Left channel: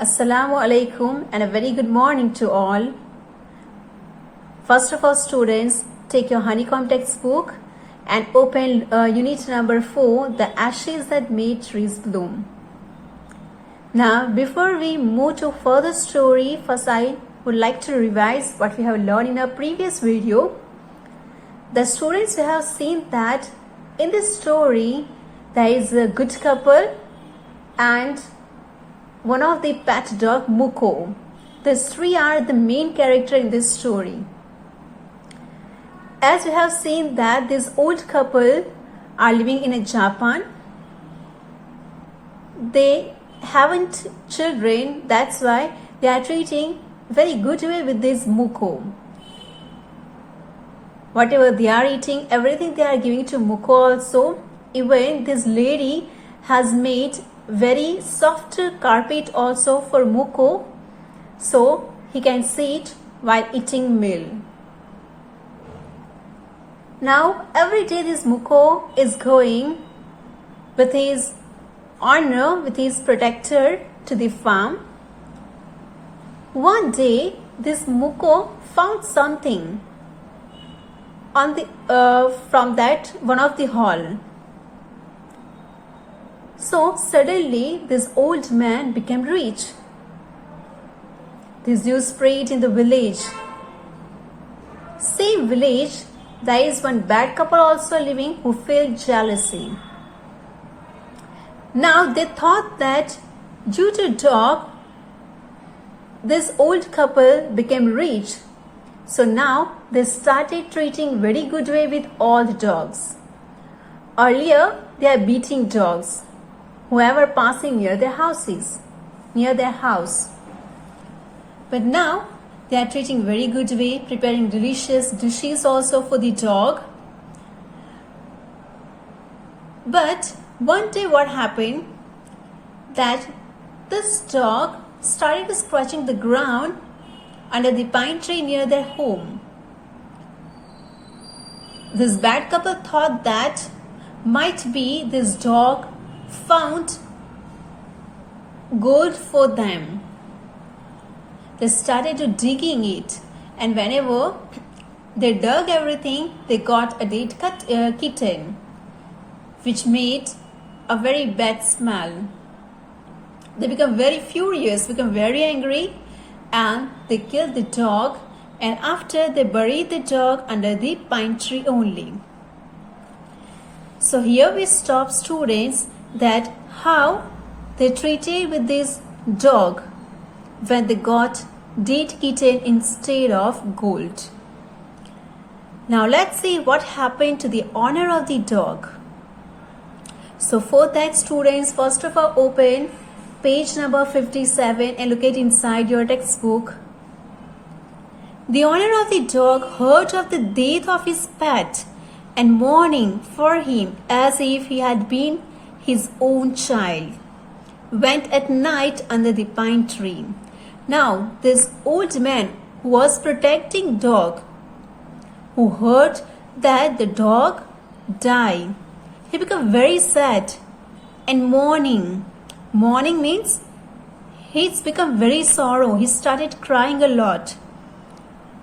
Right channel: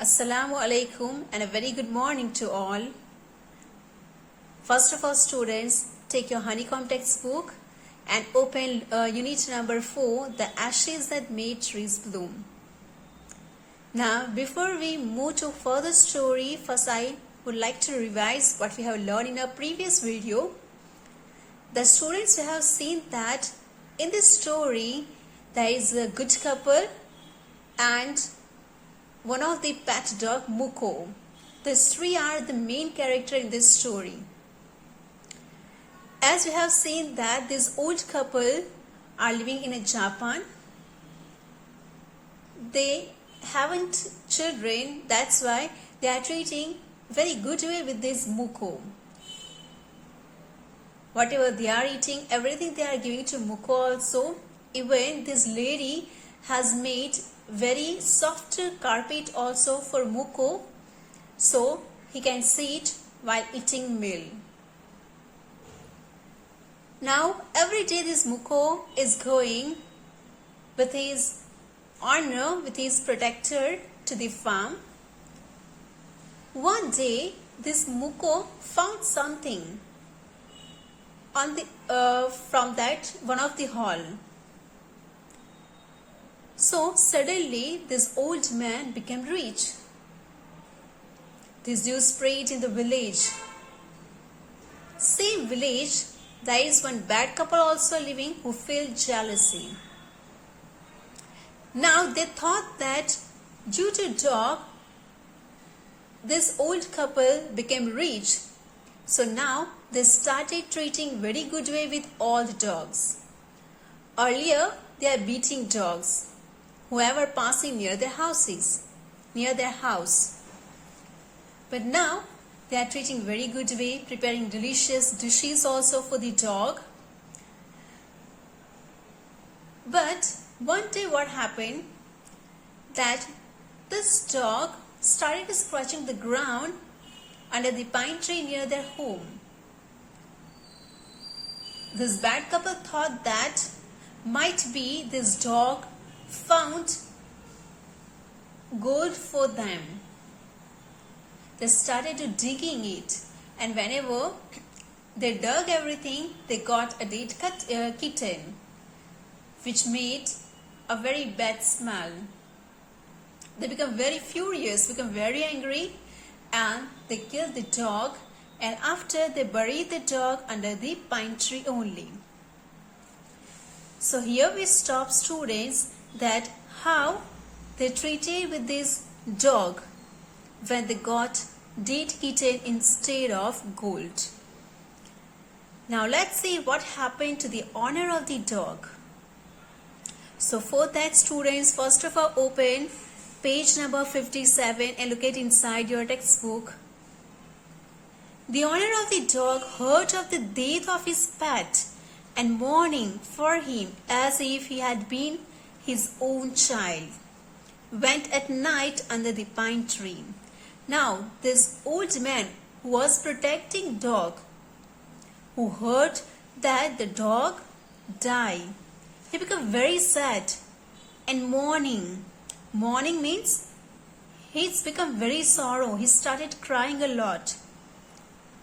Assalamu alaikum and a very good morning to all. First of all, students, take your honeycomb textbook and open unit number 4, the ashes that made trees bloom. Now, before we move to further story, first I would like to revise what we have learned in our previous video. The students, you have seen that in this story, there is a good couple and one of the pet dog, Muko. These three are the main character in this story. As you have seen that this old couple are living in Japan. They haven't children, that's why they are treating very good way with this Muko. Whatever they are eating, everything they are giving to Muko also. Even this lady has made very soft carpet also for Muko, so he can sit while eating meal. Now every day this Muko is going with his owner, with his protector to the farm. One day this Muko found something on the from that one of the hall. So suddenly this old man became rich. This news spread in the village. Same village, there is one bad couple also living who felt jealousy. Now they thought that due to dog, this old couple became rich. So now they started treating very good way with all the dogs. Earlier they are beating dogs, whoever passing near their houses, near their house. But now they are treating very good way, preparing delicious dishes also for the dog. But one day what happened, that this dog started scratching the ground under the pine tree near their home. This bad couple thought that might be this dog found gold for them. They started digging it, and whenever they dug everything, they got a dead kitten, which made a very bad smell. They become very furious, become very angry, and they killed the dog, and after they buried the dog under the pine tree only. So here we stop, students, that how they treated with this dog when they got dead kitten instead of gold. Now let's see what happened to the owner of the dog. So for that, students, first of all open page number 57 and look at inside your textbook. The owner of the dog heard of the death of his pet and mourning for him as if he had been his own child, went at night under the pine tree. Now this old man who was protecting dog, who heard that the dog died, he became very sad and mourning. Mourning means he's become very sorrow. He started crying a lot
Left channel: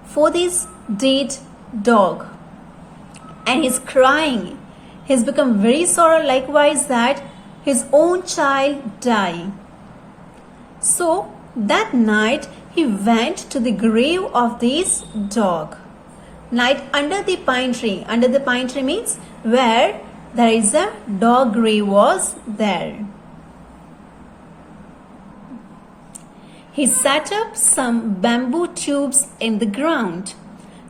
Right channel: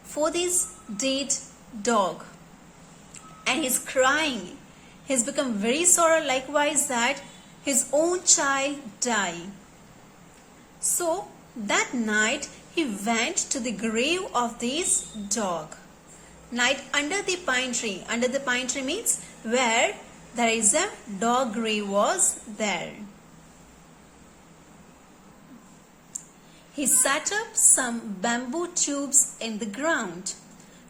for this dead dog, and he's crying. He's become very sorrow likewise that his own child died. So that night he went to the grave of this dog. Night under the pine tree. Under the pine tree means where there is a dog grave was there. He set up some bamboo tubes in the ground,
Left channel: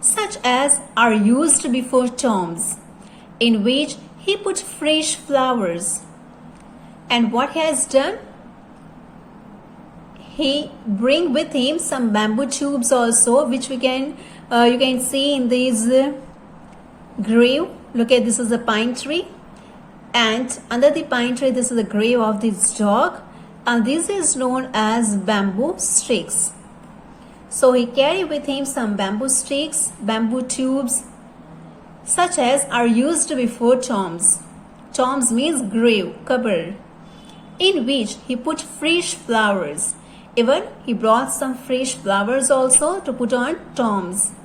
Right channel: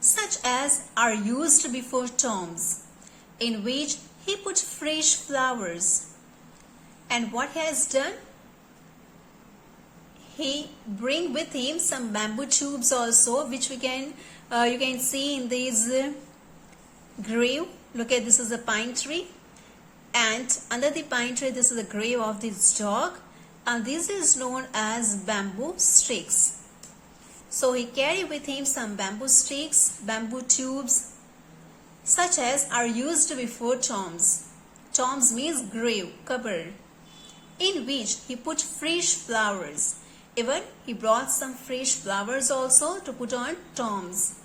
such as are used before tombs, in which he put fresh flowers. And what he has done? He bring with him some bamboo tubes also, which we can you can see in this grave. Look at, this is a pine tree, and under the pine tree this is the grave of this dog, and this is known as bamboo sticks. So he carried with him some bamboo sticks, bamboo tubes, such as are used before tombs. Tombs means grave, cover, in which he put fresh flowers, Even he brought some fresh flowers also to put on tombs.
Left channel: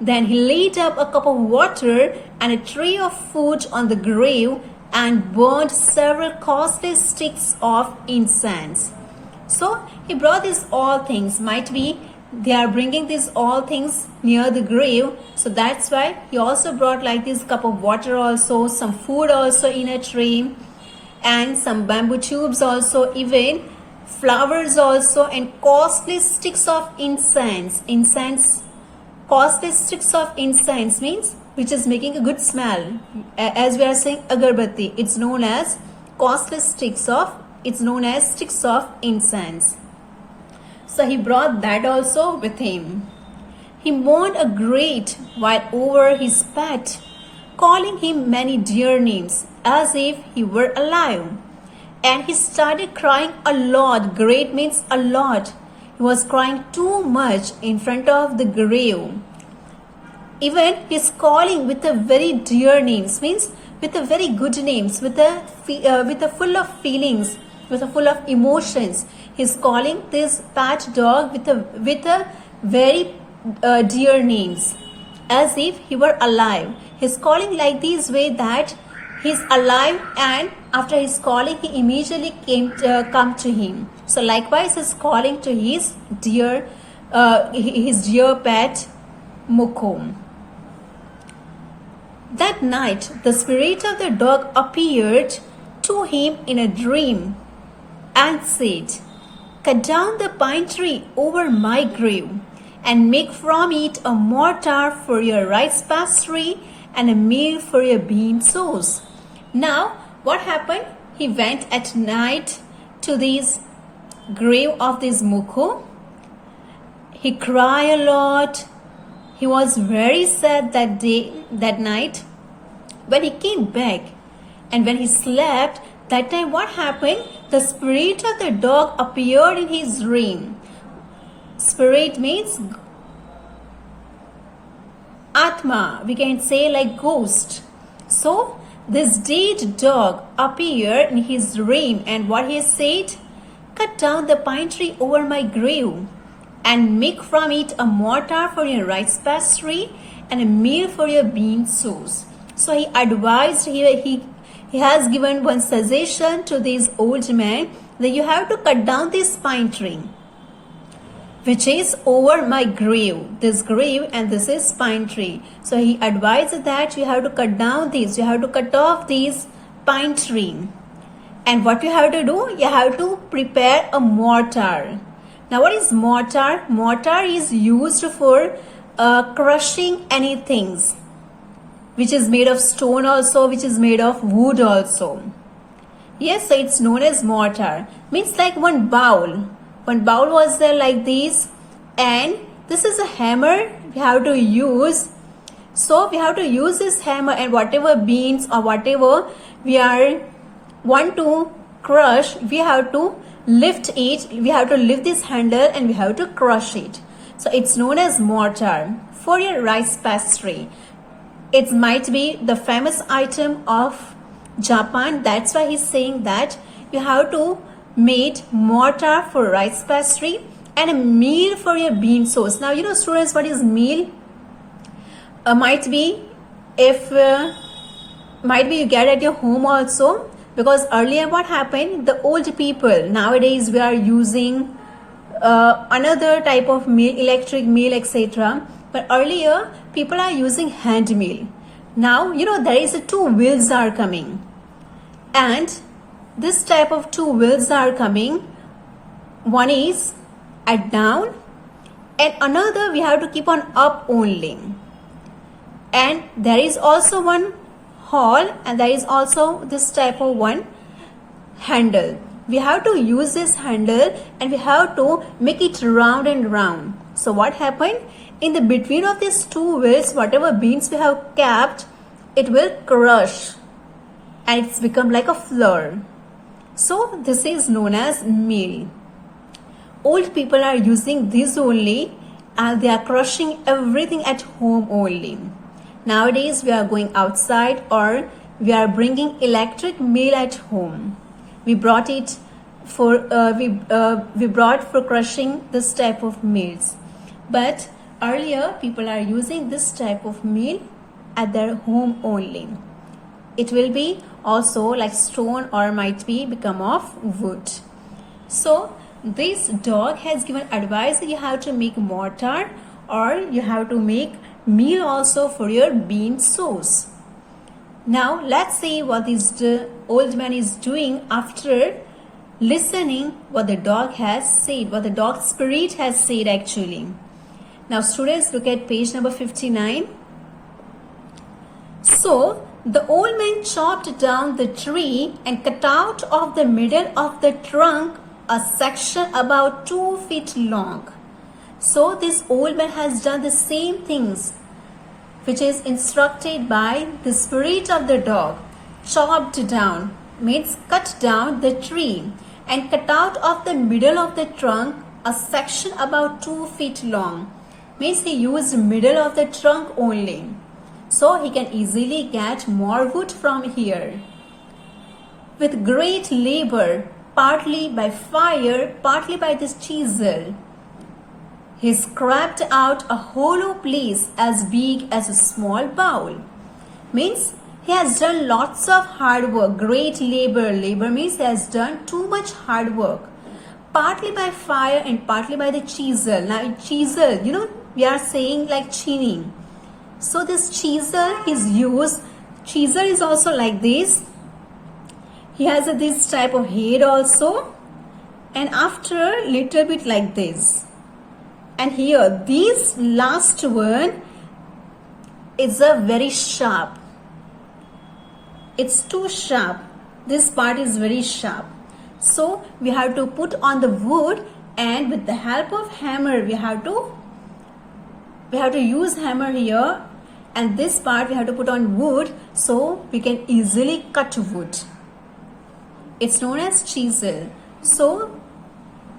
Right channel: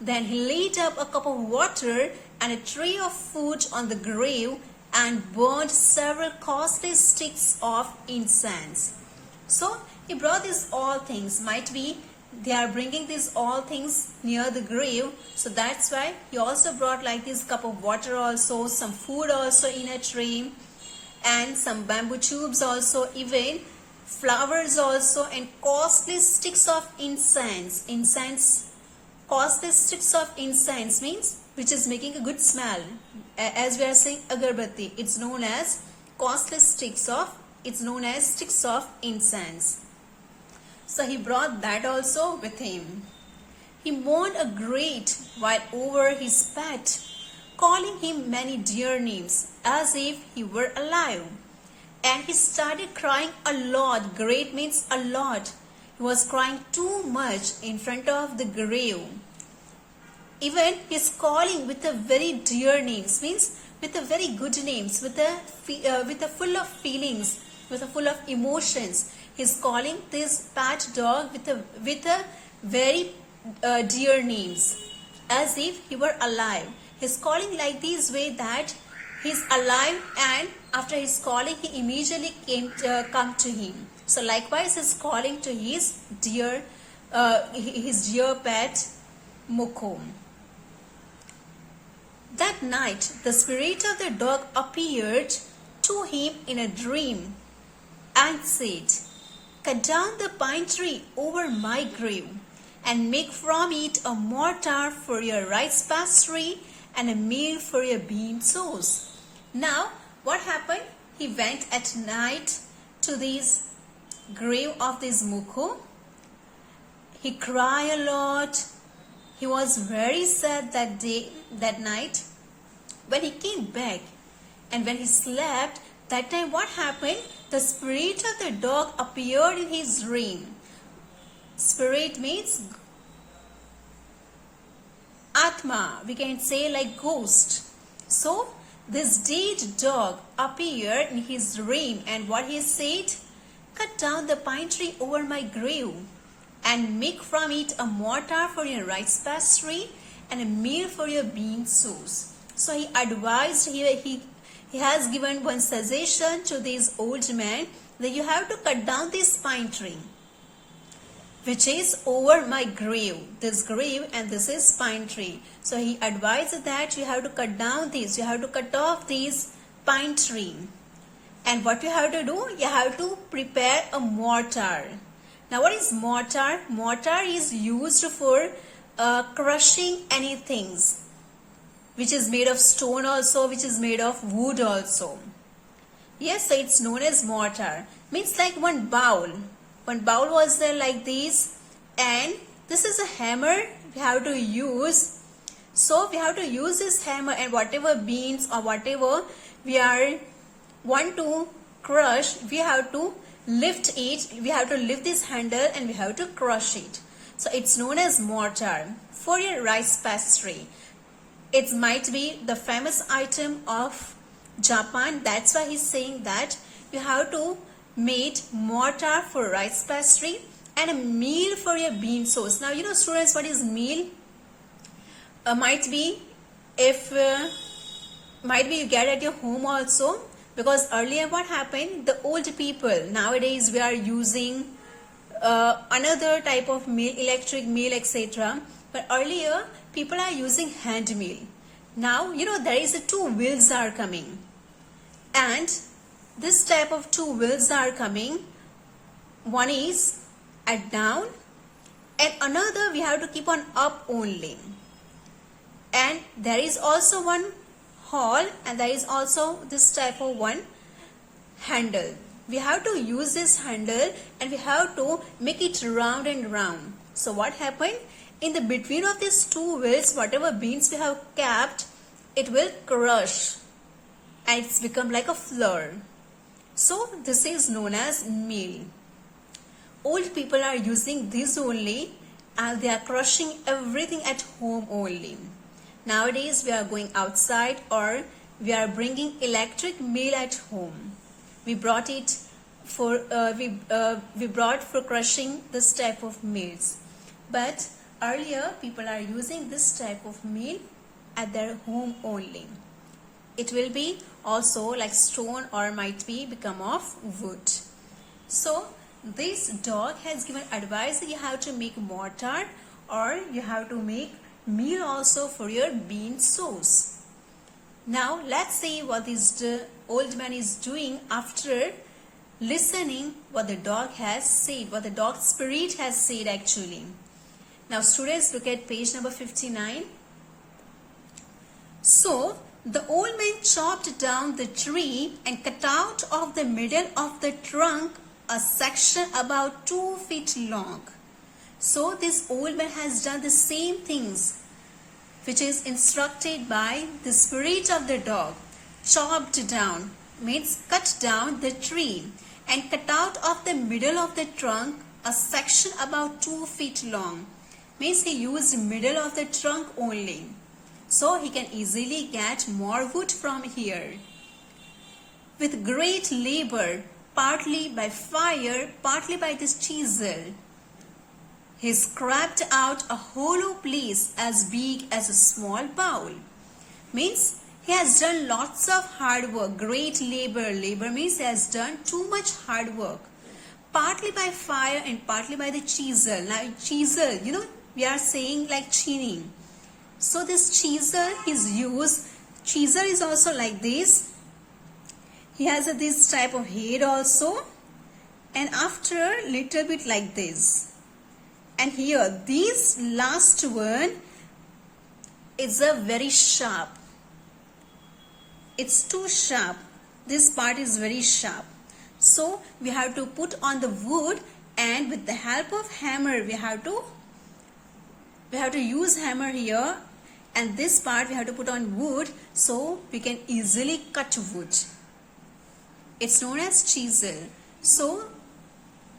Then he laid up a cup of water and a tray of food on the grave and burned several costly sticks of incense. So he brought these all things. Might be they are bringing these all things near the grave. So that's why he also brought like this cup of water also, some food also in a tray, and some bamboo tubes also, even flowers also, and costly sticks of incense. Costly sticks of incense means which is making a good smell. As we are saying agarbatti, it's known as sticks of incense. So he brought that also with him. He mourned a great while over his pet, calling him many dear names as if he were alive. And he started crying a lot. Great means a lot. He was crying too much in front of the grave. Even he's calling with a very dear names, means with a very good names, with a full of feelings, with a full of emotions. He's calling this pet dog with a very dear names, as if he were alive. He's calling like this way that he's alive, and after his calling, he immediately come to him. So likewise, he's calling to his dear pet Mukho. That night, the spirit of the dog appeared to him in a dream and said, "Cut down the pine tree over my grave and make from it a mortar for your rice pastry and a meal for your bean sauce." Now, what happened? He went at night to this grave of this Mukho. He cried a lot. He was very sad that night. When he came back and when he slept, that time what happened? The spirit of the dog appeared in his dream. Spirit means Atma, we can say like ghost. So this dead dog appeared in his dream, and what he said? "Cut down the pine tree over my grave and make from it a mortar for your rice pastry and a meal for your bean sauce." So he advised, he has given one suggestion to this old man that you have to cut down this pine tree which is over my grave, this grave, and this is pine tree. So he advised that you have to cut down this, you have to cut off this pine tree. And what you have to do? You have to prepare a mortar. Now what is mortar? Mortar is used for crushing anything, which is made of stone also, which is made of wood also. Yes, so it's known as mortar. Means like one bowl. One bowl was there like this, and this is a hammer we have to use. So we have to use this hammer, and whatever beans or whatever we want to crush, we have to lift it. We have to lift this handle and we have to crush it. So it's known as mortar for your rice pastry. It might be the famous item of Japan. That's why he's saying that you have to make mortar for rice pastry and a meal for your bean sauce. Now, you know, students, what is meal? Might be you get at your home also, because earlier what happened, the old people, nowadays we are using another type of meal, electric meal, etc. But earlier people are using hand meal. Now, you know, there is two wheels are coming, and this type of two wheels are coming. One is at down and another we have to keep on up only. And there is also one hole, and there is also this type of one handle. We have to use this handle and we have to make it round and round. So what happened? In the between of these two wheels, whatever beans we have kept, it will crush and it's become like a flour. So this is known as meal. Old people are using this only, and they are crushing everything at home only. Nowadays we are going outside, or we are bringing electric meal at home. We brought it we brought for crushing this type of meals. But earlier people are using this type of meal at their home only. It will be also like stone or might be become of wood. So this dog has given advice that you have to make mortar or you have to make meal also for your bean sauce. Now let's see what this old man is doing after listening what the dog has said, what the dog spirit has said actually. Now students, look at page number 59. So the old man chopped down the tree and cut out of the middle of the trunk a section about 2 feet long. So this old man has done the same things which is instructed by the spirit of the dog. Chopped down means cut down the tree and cut out of the middle of the trunk a section about 2 feet long. Means he used middle of the trunk only. So he can easily get more wood from here. With great labor, partly by fire, partly by this chisel, he scraped out a hollow place as big as a small bowl. Means he has done lots of hard work, great labor. Labor means he has done too much hard work. Partly by fire and partly by the chisel. Now chisel, we are saying like chini. So this chisel is used. Chisel is also like this. He has this type of head also. And after little bit like this. And here this last one is a very sharp. It's too sharp. This part is very sharp. So we have to put on the wood and with the help of hammer we have to use hammer here, and this part we have to put on wood so we can easily cut wood. It's known as chisel. So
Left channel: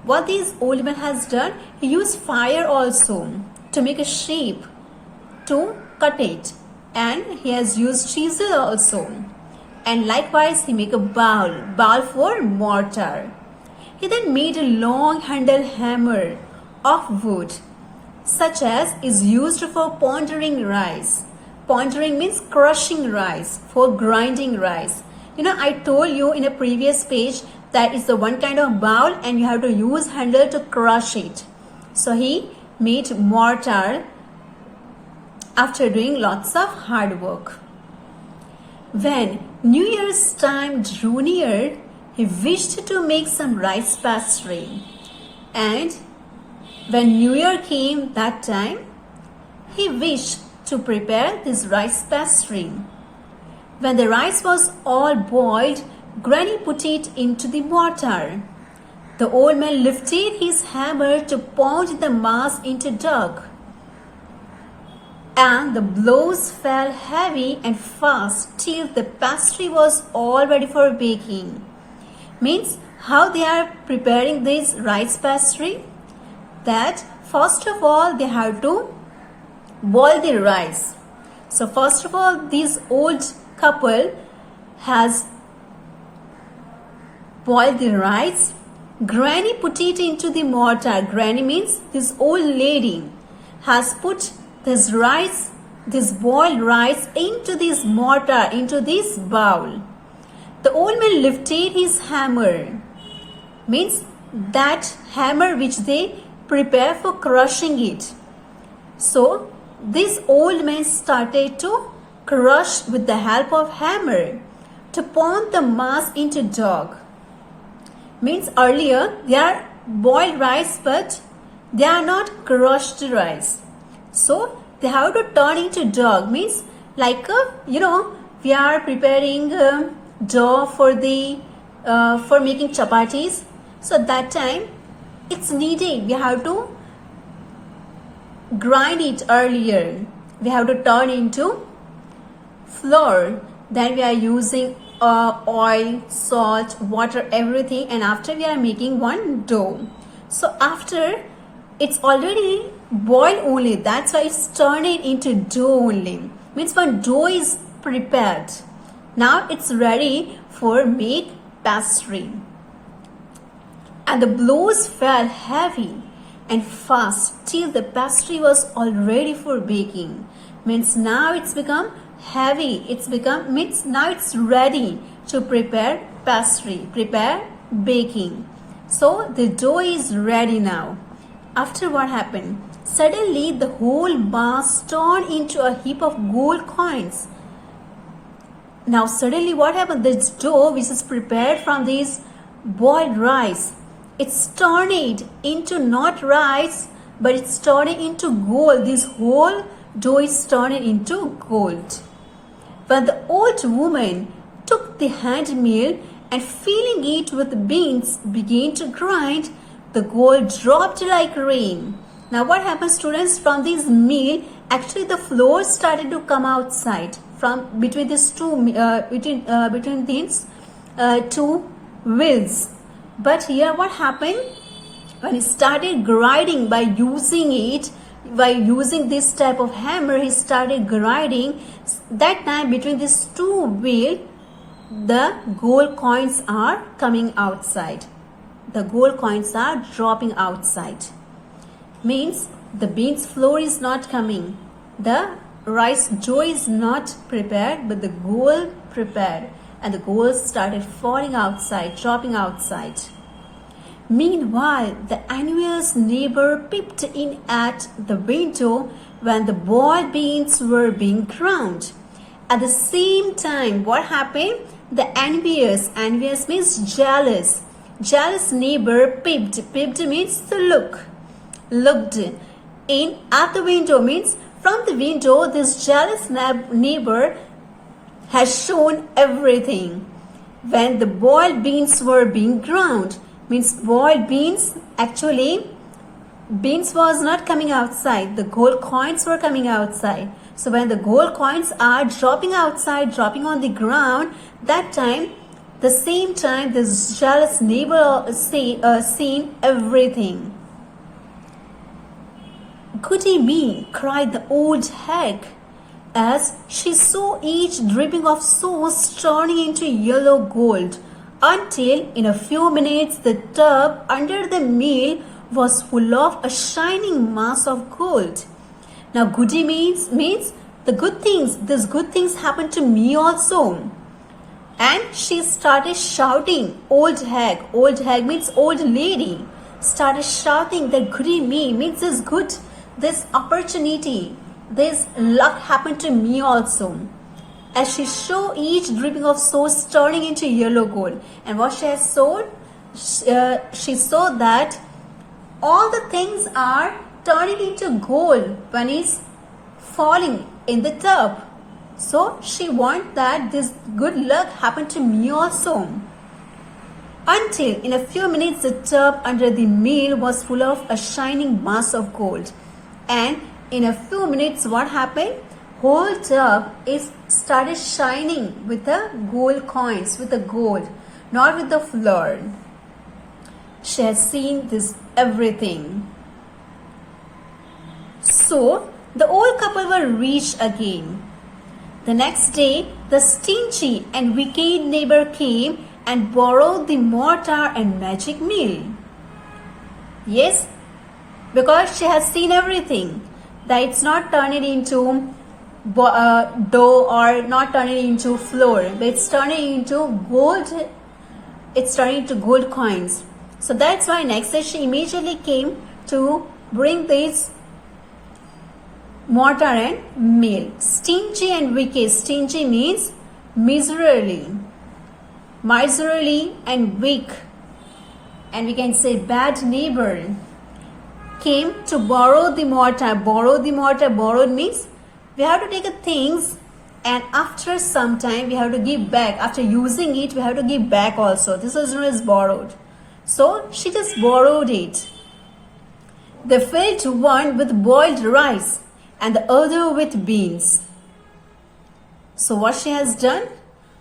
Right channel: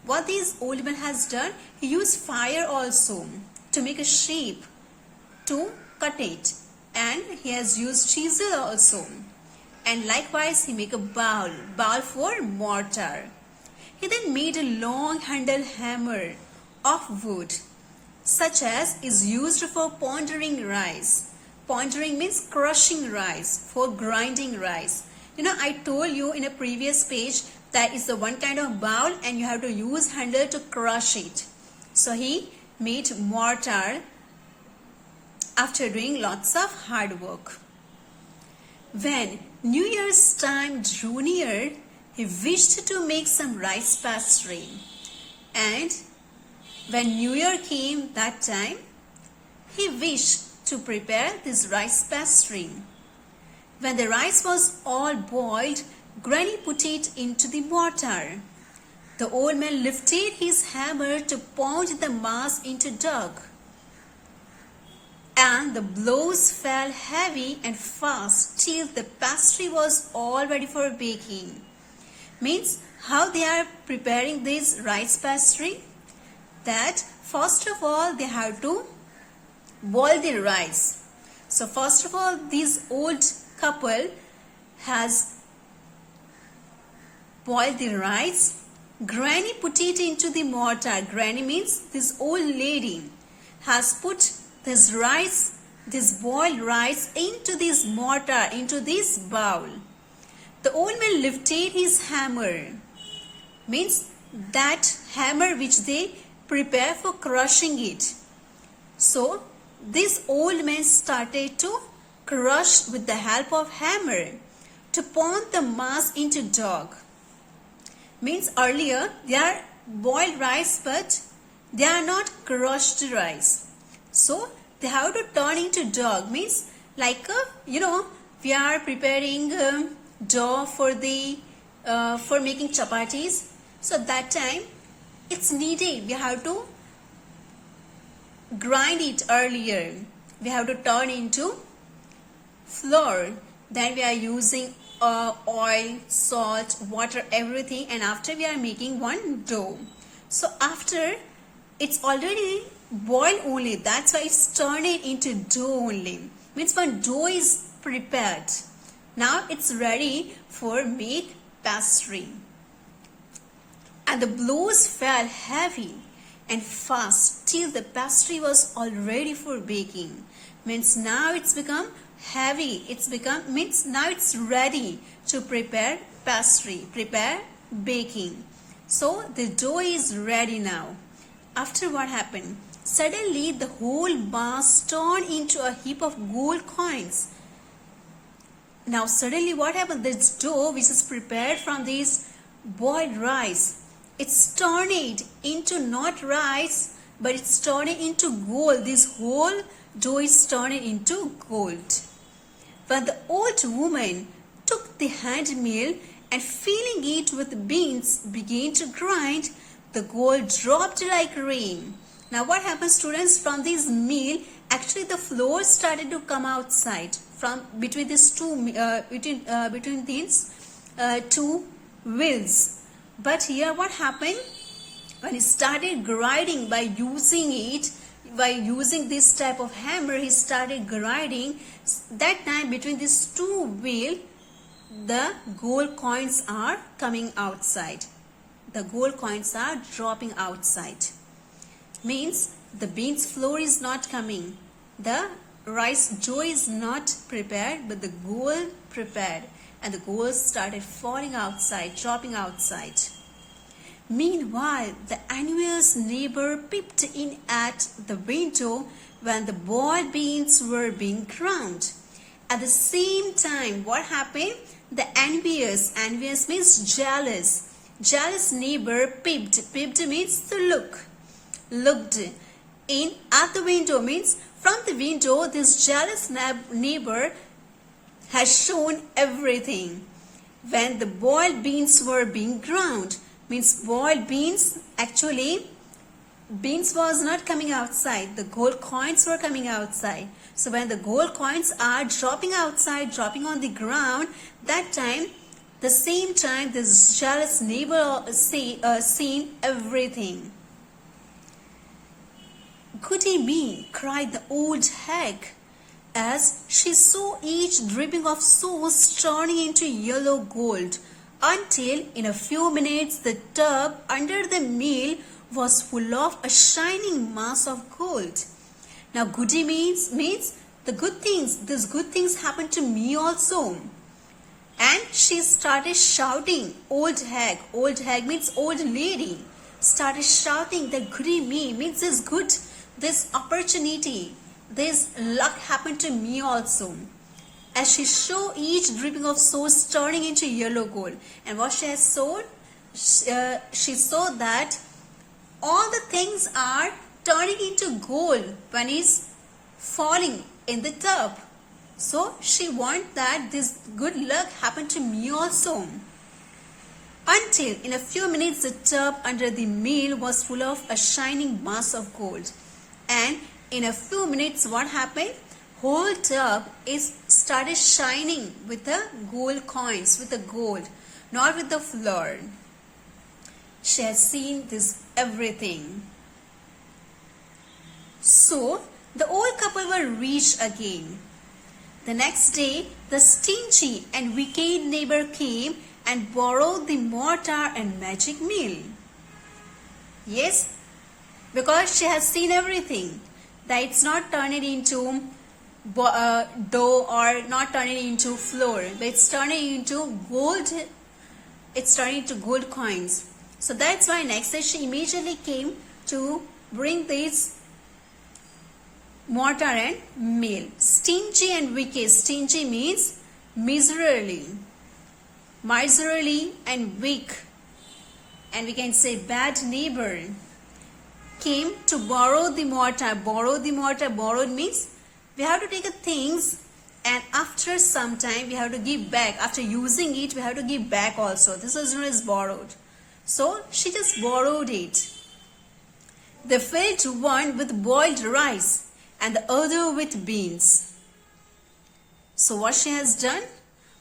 what this old man has done, he used fire also to make a shape to cut it, and he has used chisel also, and likewise he make a bowl for mortar. He then made a long handle hammer of wood such as is used for pondering rice. Pondering means crushing rice, for grinding rice. I told you in a previous page that is the one kind of bowl and you have to use handle to crush it. So he made mortar after doing lots of hard work. When New Year's time drew near, he wished to make some rice pastry. And when New Year came that time, he wished to prepare this rice pastry. When the rice was all boiled, Granny put it into the mortar. The old man lifted his hammer to pound the mass into dough. And the blows fell heavy and fast till the pastry was all ready for baking. Means how they are preparing this rice pastry? That first of all they have to boil the rice. So first of all this old couple has boiled the rice. Granny put it into the mortar. Granny means this old lady has put this rice, this boiled rice into this mortar, into this bowl. The old man lifted his hammer. Means that hammer which they prepare for crushing it. So this old man started to crush with the help of hammer to pound the mass into dough. Means earlier they are boiled rice but they are not crushed rice. So they have to turn into dough. Means like we are preparing dough for making chapatis. So that time it's needed. We have to grind it earlier. We have to turn into flour. Then we are using oil, salt, water, everything, and after we are making one dough. So after it's already boiled only, that's why it's turned into dough only. Means when dough is prepared, now it's ready for make pastry. and the blows fell heavy and fast till the pastry was all ready for baking. Means now it's become heavy. Means now it's ready to prepare pastry, prepare baking. So the dough is ready now. After what happened? Suddenly the whole mass turned into a heap of gold coins. Now suddenly what happened? This dough which is prepared from this boiled rice, it's turning into not rice, but it's turning into gold. This whole dough is turning into gold. When the old woman took the hand mill and filling it with beans began to grind, the gold dropped like rain. Now what happens, students? From this mill, actually the flour started to come outside from between these two wheels. But here what happened? When he started grinding by using this type of hammer, he started grinding. That time between these two wheels, the gold coins are coming outside. The gold coins are dropping outside. Means the beans flour is not coming. The rice dough is not prepared, but the gold prepared. And the gold started falling outside, dropping outside. Meanwhile, the envious neighbor peeped in at the window when the boiled beans were being ground. At the same time, what happened? The envious means jealous neighbor peeped means to looked in at the window, means from the window this jealous neighbor has shown everything. When the boiled beans were being ground, means boiled beans, actually beans was not coming outside, the gold coins were coming outside. So when the gold coins are dropping outside, dropping on the ground, that time, the same time this jealous neighbor seen everything. "Goody me," cried the old hag, as she saw each dripping of sauce turning into yellow gold, until in a few minutes the tub under the mill was full of a shining mass of gold. Now goody means the good things. These good things happened to me also. And she started shouting. Old hag means old lady, started shouting that goody me means this opportunity, this luck happened to me also. As she saw each dripping of sauce turning into yellow gold. And what she has saw, she saw that all the things are turning into gold when it's falling in the tub. So she wants that this good luck happened to me also. Until in a few minutes the tub under the mill was full of a shining mass of gold. And in a few minutes what happened? Whole tub is started shining with the gold coins, with the gold, not with the flour. She has seen this everything. So the old couple were rich again. The next day, the stingy and wicked neighbor came and borrowed the mortar and magic mill. Yes, because she has seen everything. That it's not turning into dough or not turning into flour, but it's turning into gold. It's turning into gold coins. So that's why next day she immediately came to bring this mortar and mill. Stingy and wicked. Stingy means miserly and weak, and we can say bad neighbor, came to borrow the mortar. Borrowed means we have to take a things and after some time we have to give back. After using it we have to give back also. This is known as borrowed. So she just borrowed it. They filled one with boiled rice and the other with beans. So what she has done?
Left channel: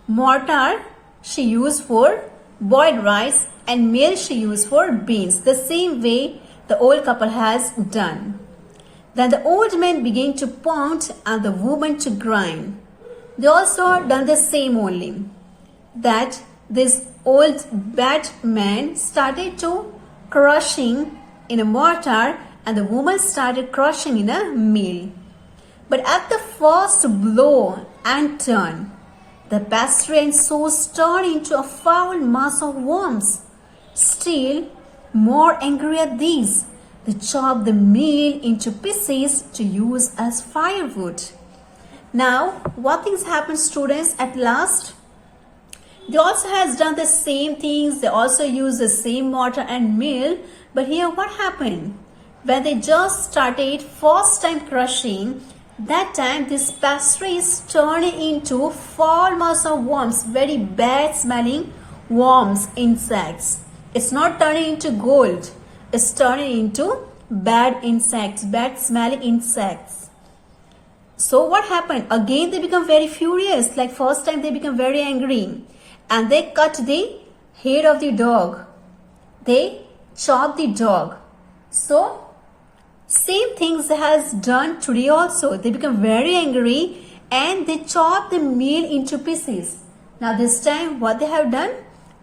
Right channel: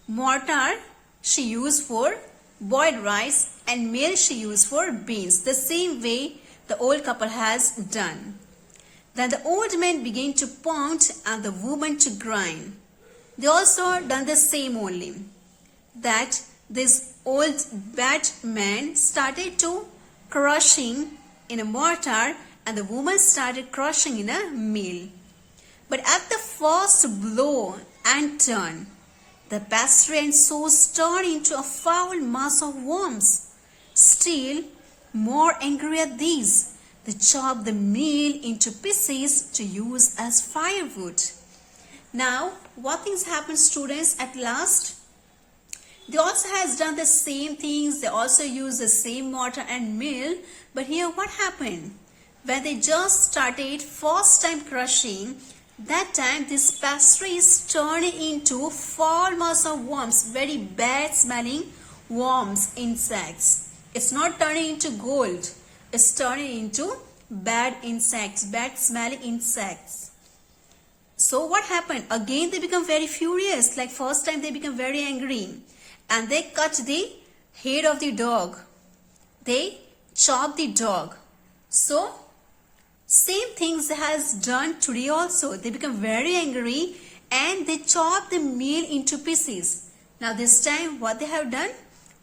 Mortar she used for boiled rice and mill she used for beans. The same way the old couple has done. Then the old man began to pound and the woman to grind. They also done the same only. That this old bad man started to crushing in a mortar and the woman started crushing in a mill. But at the first blow and turn, the pastry and sauce turned into a foul mass of worms. Still more angry at these, they chopped the meal into pieces to use as firewood. Now, what things happen, students, at last? They also has done the same things. They also use the same mortar and mill. But here what happened? When they just started first time crushing, that time this pastry is turning into foul mass of worms, very bad smelling worms, insects. It's not turning into gold. It's turning into bad insects, bad smelling insects. So what happened? Again they become very furious. Like first time they become very angry. And they cut the head of the dog. They chop the dog. So same things they has done today also. They become very angry and they chop the meal into pieces. Now this time what they have done?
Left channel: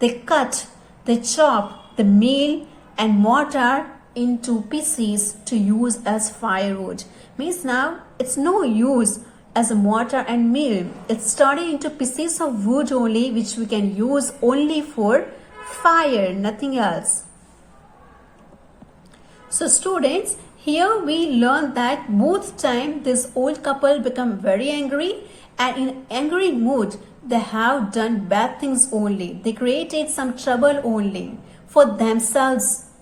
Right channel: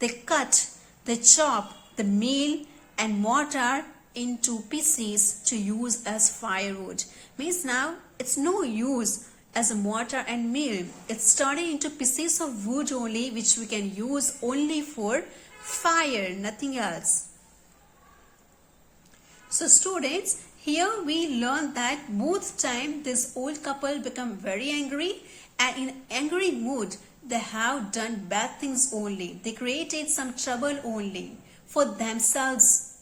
They cut, they chop the meal and mortar into pieces to use as firewood. Means now it's no use as a mortar and mill. It's turning into pieces of wood only, which we can use only for fire, nothing else. So students, here we learn that both time this old couple become very angry, and in angry mood they have done bad things only. They created some trouble only for themselves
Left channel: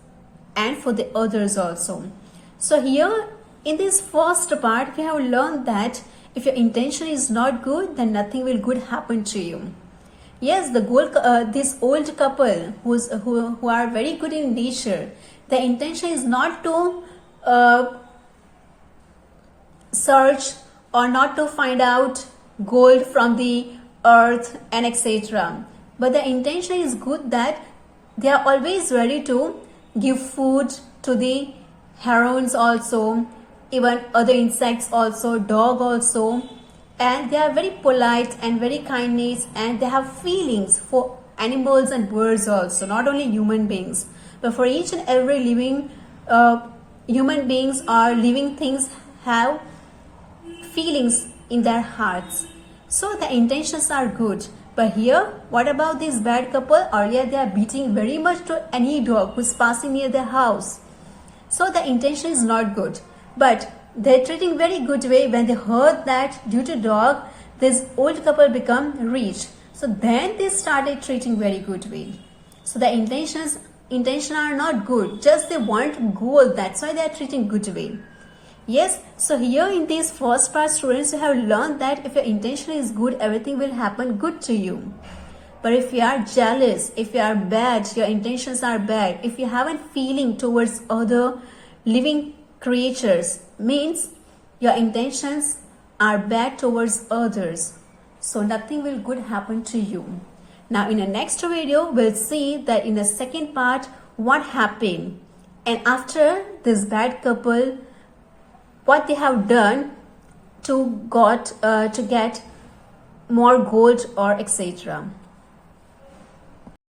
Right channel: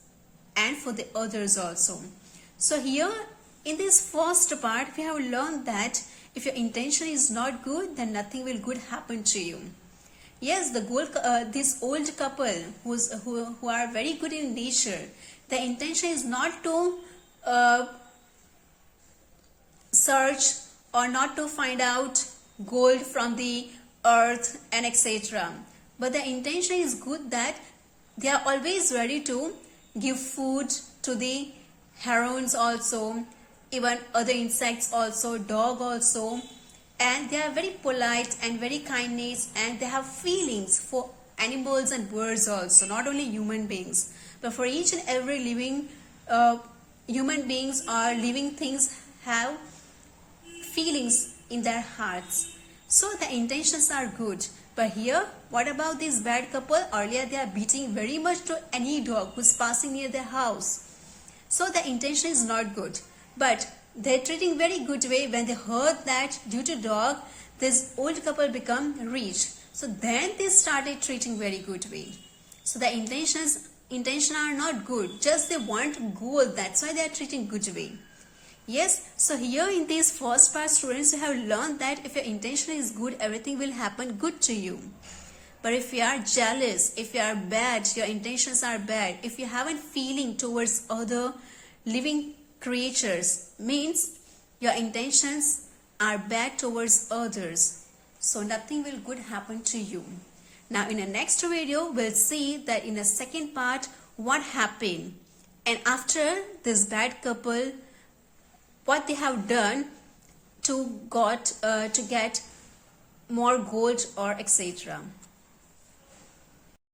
and for the others also. So here in this first part we have learned that if your intention is not good, then nothing will good happen to you. Yes, this old couple who are very good in nature, the intention is not to search or not to find out gold from the earth and etc. But the intention is good, that they are always ready to give food to the herons also, even other insects also, dog also, and they are very polite and very kindness, and they have feelings for animals and birds also, not only human beings, but for each and every living human beings or living things have feelings in their hearts. So the intentions are good. But here, what about this bad couple? Earlier they are beating very much to any dog who is passing near their house. So the intention is not good. But they're treating very good way. When they heard that due to dog, this old couple become rich. So then they started treating very good way. So the intention are not good. Just they want gold. That's why they are treating good way. Yes, so here in this first part, students, you have learned that if your intention is good, everything will happen good to you. But if you are jealous, if you are bad, your intentions are bad, if you haven't feeling towards other living creatures, means your intentions are bad towards others. So nothing will good happen to you. Now in the next video, we'll see that in the second part, what happened. And after this bad couple, what they have done to get more gold or etc.